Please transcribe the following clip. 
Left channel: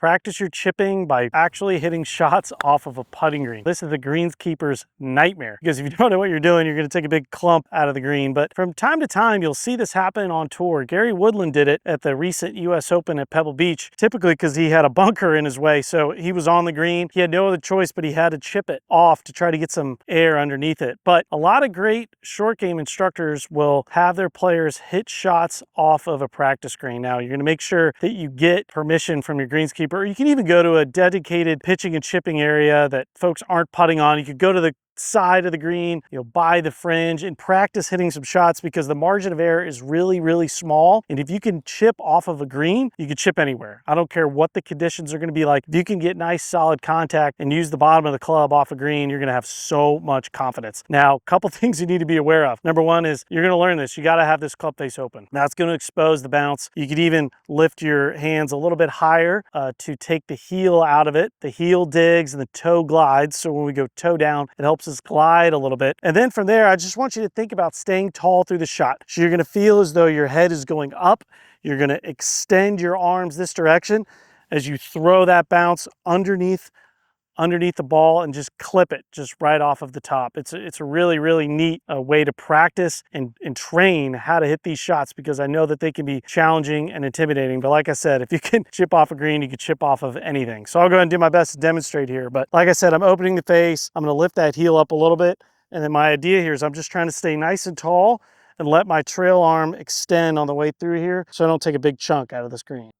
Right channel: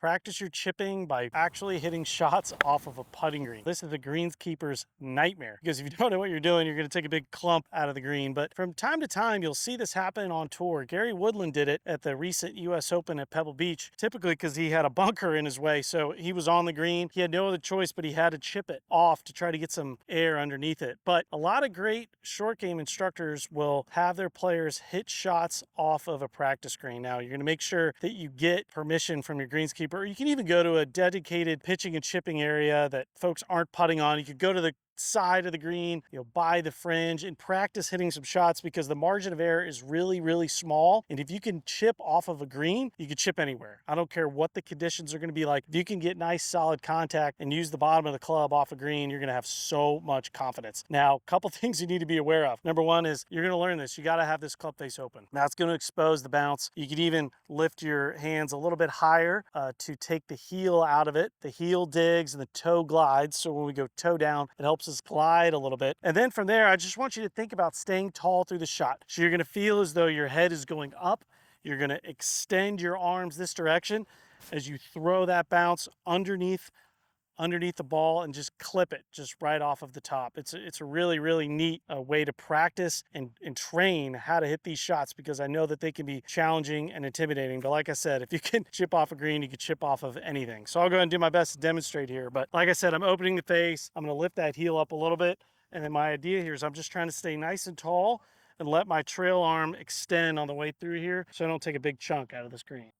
Practice your chipping by actually hitting shots off of a putting green. This is the greenskeeper's nightmare, because if you don't know what you're doing, you're going to take a big clump out of the green. But from time to time, you'll see this happen on tour. Gary Woodland did it at the recent US Open at Pebble Beach, typically because he had a bunker in his way. So he was on the green. He had no other choice, but he had to chip it off to try to get some air underneath it. But a lot of great short game instructors will have their players hit shots off of a practice green. Now, you're going to make sure that you get permission from your greenskeeper, or you can even go to a dedicated pitching and chipping area that folks aren't putting on. You could go to the side of the green, by the fringe, and practice hitting some shots, because the margin of error is really, really small. And if you can chip off of a green, you can chip anywhere. I don't care what the conditions are going to be like. If you can get nice solid contact and use the bottom of the club off a green, you're going to have so much confidence. Now, a couple things you need to be aware of. Number one is you're going to learn this. You got to have this club face open. That's going to expose the bounce. You could even lift your hands a little bit higher to take the heel out of it. The heel digs and the toe glides. So when we go toe down, it helps us glide a little bit. And then from there, I just want you to think about staying tall through the shot. So you're going to feel as though your head is going up. You're going to extend your arms this direction as you throw that bounce underneath the ball and just clip it just right off of the top. It's a really, really neat way to practice and train how to hit these shots, because I know that they can be challenging and intimidating. But like I said, if you can chip off a green, you can chip off of anything. So I'll go ahead and do my best to demonstrate here. But like I said, I'm opening the face. I'm going to lift that heel up a little bit. And then my idea here is I'm just trying to stay nice and tall and let my trail arm extend on the way through here so I don't take a big chunk out of the screen.